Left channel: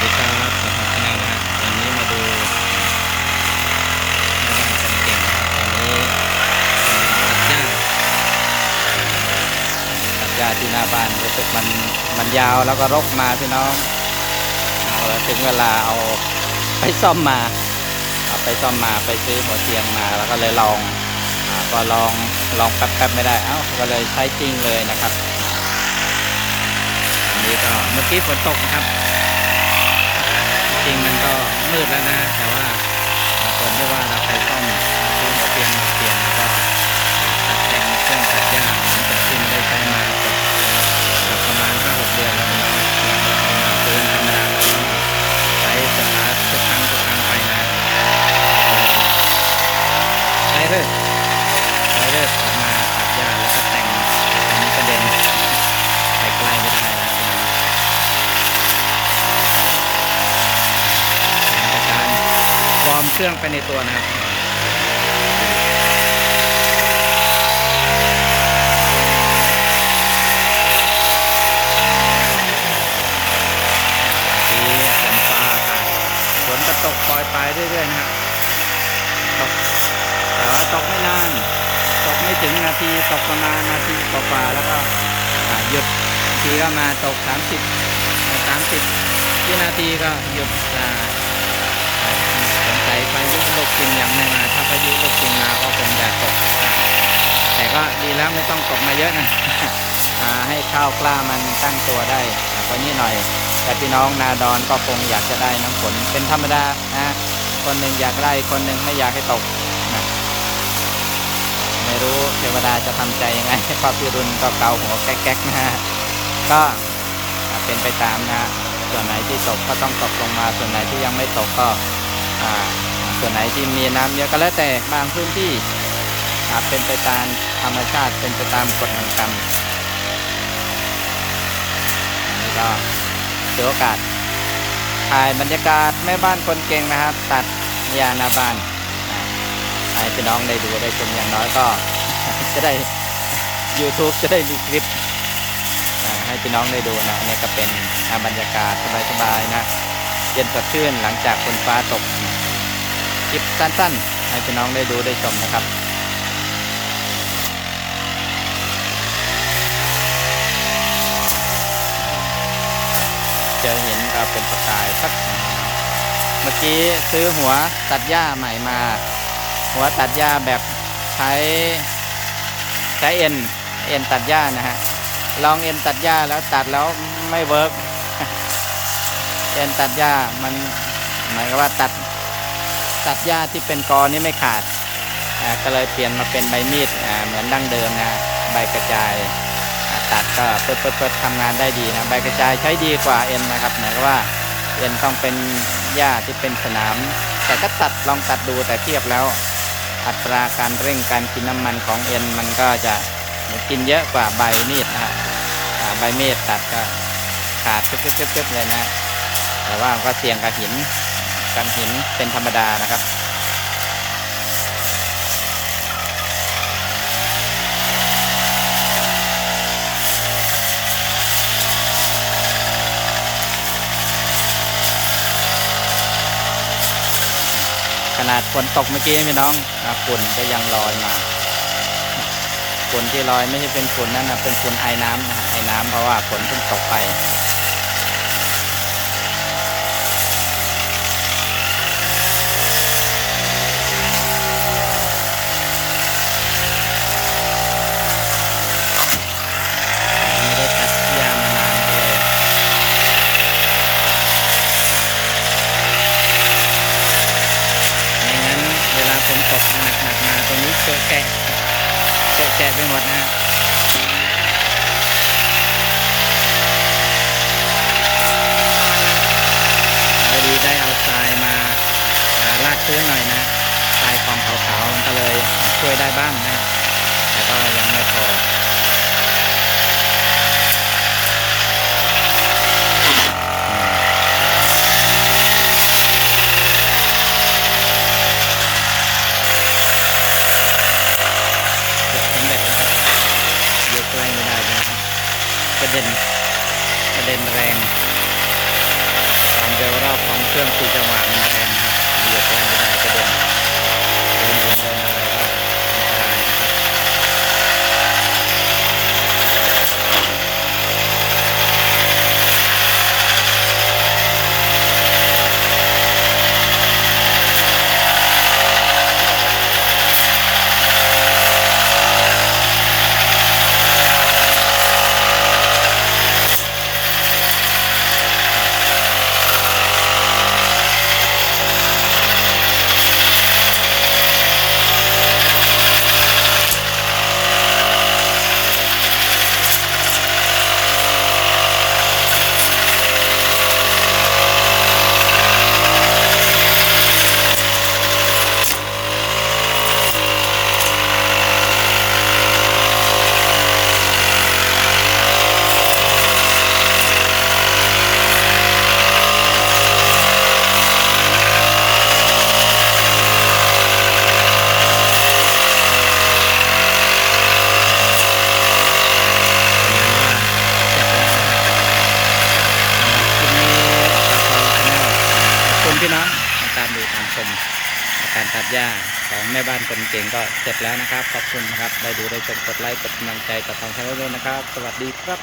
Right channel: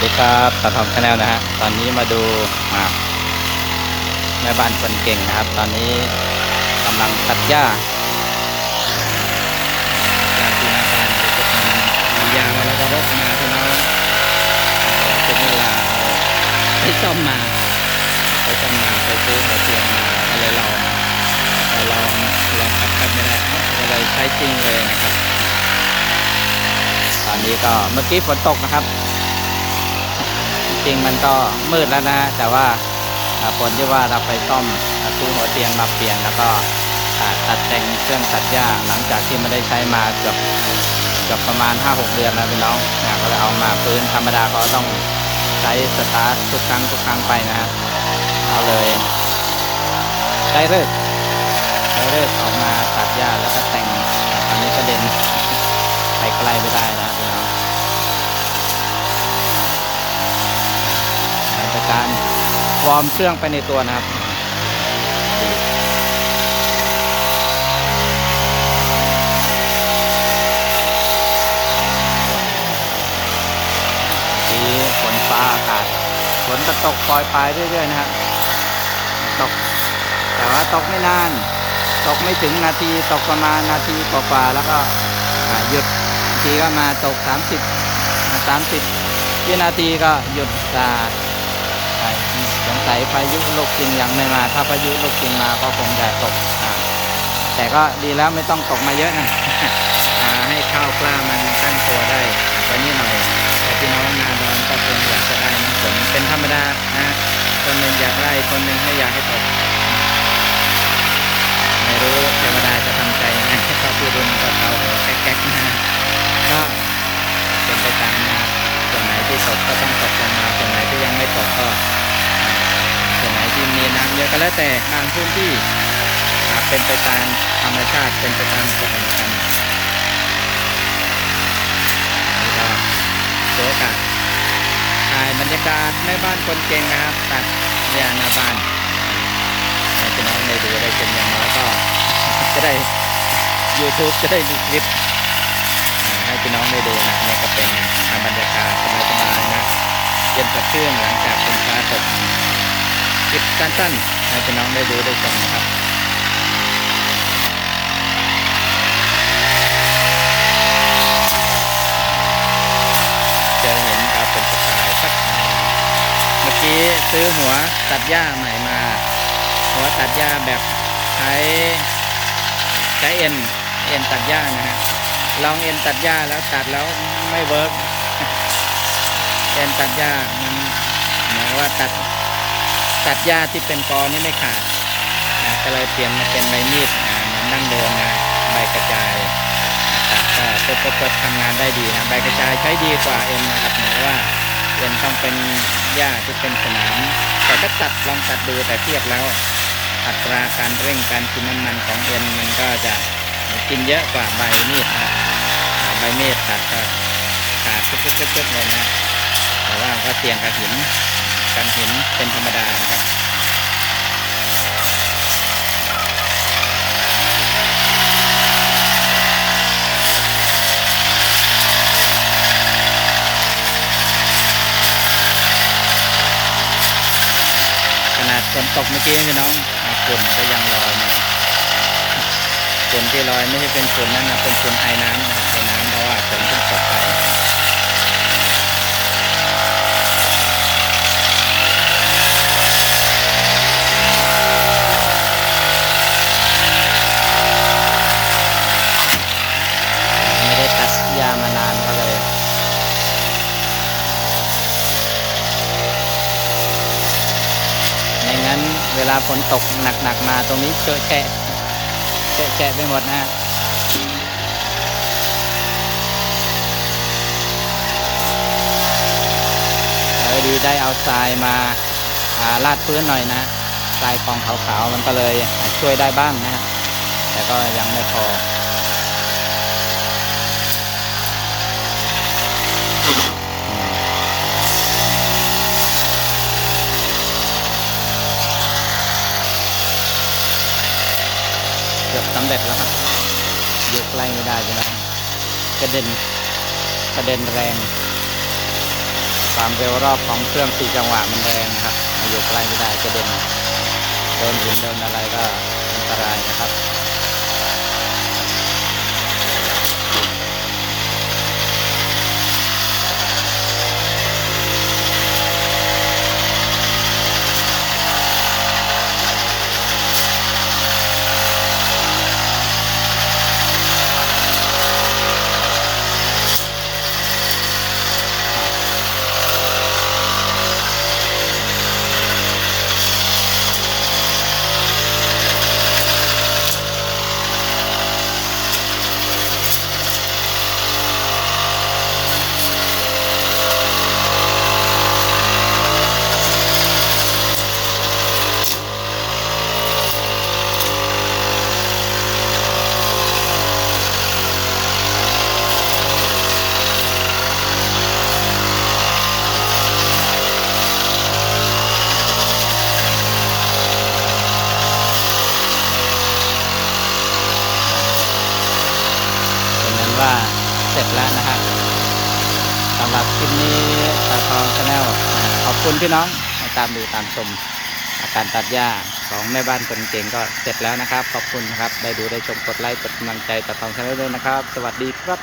ดีครับตาทองชาแนลนะฮะ ตอนนี้มาดูอ่าแม่บ้านคนเก่งนะครับ ตอนนี้กำลังตัดหญ้าตัดหญ้าที่หน้าบ้านรู้สึกมันมันยาวแล้วก็รกมาพี่น้องถึงเวลาเอาไปซ่อมมาเอาไปซ่อมมาไปซื้อหัวเทียนมาแล้วก็เลยลองพอลองลองแป๊บๆไม่ได้ เอ้าก็เลยใช้จริงเลยนะครับ ตอนนี้ก็เมื่อกี้ฝนตกนะครับ จริงมันก็มืดแล้วนะ แต่ว่าคนที่ว่าเราไปซ่อมซื้อหัวเตียงมาเปลี่ยนแล้วก็ตัดแต่งเครื่องตัดหญ้าหลังจากที่ไม่ได้ใช้มาเกือบเกือบประมาณ 5-6 เดือนแล้วพี่น้องนะก็เลยเอามาปืนธรรมดาเพราะต้องใช้สตาร์ททุกครั้งทุกครั้งไปนะฮะก็เลยได้เลิกได้เลิกออกมาตัดหญ้าแล้วก็แต่งตอนนี้กระเด็นไปไกลไม่ได้แล้วพี่น้อง เป็นการ วอร์มเครื่องไปในตัวนะครับ ทีฝนฟ้าอากาศฝนก็ตกปล่อยปลายเรื่อยๆนะฮะตก แต่ว่าตกไม่นาน ตกไม่ถึงนาที ตกประมาณนาทีกว่าๆแล้วก็หยุดทีก็มาตก 30 30วินาทีก็หยุดอ่าใช่ สงสัยพายุลูกจริงยังไม่มา ถ้าพายุลูกจริงมาก็คงจะตกแต่ก็ดีแล้วไม่ต้องตกมาเยอะนะให้ข้าวกล้ามันตั้งตัวได้กว่านี้หน่อย แต่พี่น้องนาดอนก็คงอยากจะได้น้ำฝนเป็นธรรมดานะคนหนึ่งอยากได้คนหนึ่งไม่อยากให้ตก ไม่รู้เทวดาจะทำใจยังไงพราะพี่รุนก็เกาหัวแก๊กๆนะก็เป็นไปตามนะส่วนไหนที่ตกก็ต้องตกลงมา ส่วนไหนที่ยังไม่ตกก็ ส่วนไหนที่มีน้ำเยอะก็แล้วแต่บางพื้นที่เป็นไปตามธรรมชาติเป็นไปตามกฎแห่งกรรมอันนี้ก็ถือโอกาสถ่ายบรรยากาศในบ้านคนเก่งนะครับ ตัดยาหน้าบ้านให้พี่น้องได้ดูได้ชมอย่างน้อยก็ จะได้ YouTube จะได้มีคลิป ให้พี่น้องได้ดูนะนี่ก็เป็นอ่าบรรยากาศสบายๆนะ เย็นสดชื่นหลังจากฝนฟ้าตก คลิปสั้นๆให้พี่น้องได้ดูได้ชมนะครับเจอเห็นก็เป็นประกายสักเมื่อกี้ซื้อหัวตัดหญ้าใหม่มา หัวตัดหญ้าแบบใช้ใช้เอ็นเอ็นตัดหญ้านะฮะลองเอ็นตัดหญ้าแล้วตัดแล้วไม่เวิร์กเอ็นตัดหญ้ามันหมายความว่าตัด ตัดหญ้าที่เป็นกอนี่ไม่ขาดอ่าก็เลยเปลี่ยนมาเป็นใบมีดอ่าเหมือนดั้งเดิมนะใบกระจายตัดก็เปิดเปิดปิดทำงานได้ดีนะใบกระจายใช้ดีกว่าเอ็นนะครับหมายความว่าเอ็นต้องเป็นหญ้าที่เป็นสนาม แต่ก็ตัดลองตัดดูแต่เทียบแล้ว อัตราการเร่งการกินน้ำมันของเอ็นมันก็จะกินเยอะกว่าใบมีดนะใบเมตตัดก็ขาดเจึ๊บๆๆๆเลยนะ แต่ว่าก็เสี่ยงกับหิน กันหินเป็นธรรมดานะครับขนาดฝนตกเมื่อกี้พี่น้องฝุ่นก็ยังลอยมาฝนที่ลอยไม่ใช่เป็นฝนนั่นนะเป็นฝนไอ้น้ำนะไอ้น้ำเพราะว่าฝนเพิ่งตกไป ไม่ได้ตัดยามานานก็เลย ไม่งั้น เวลาฝนตกหนักๆมาตรงนี้เจอะแฉะแฉะไปหมดนะฮะเออดีได้เอาทรายมาาลาดพื้นหน่อยนะทรายกองขาวๆมันก็เลยช่วยได้บ้างนะฮะแต่ก็ยังไม่พอ เกือบสำเร็จแล้วครับยกใกล้ไม่ได้พี่น้องกระเด็นกระเด็นแรง ความเร็วรอบของเครื่องสี่จังหวะมันแรงนะครับมาอยู่ใกล้ไม่ได้กระเด็นโดนหินโดนอะไรก็อันตรายนะครับ เป็นนั้นว่าเสร็จแล้วนะครับสำหรับคลิปนี้ตาเปาชาแนลขอบ คุณพี่น้องมาตามดูตามชมอาการตัดหญ้าของแม่บ้านคนเก่งก็เสร็จแล้วนะครับ ขอบคุณนะครับ ได้ดูได้ชมกดไลค์กดกำลังใจต่อทองชาแนลด้วยนะครับ สวัสดีครับ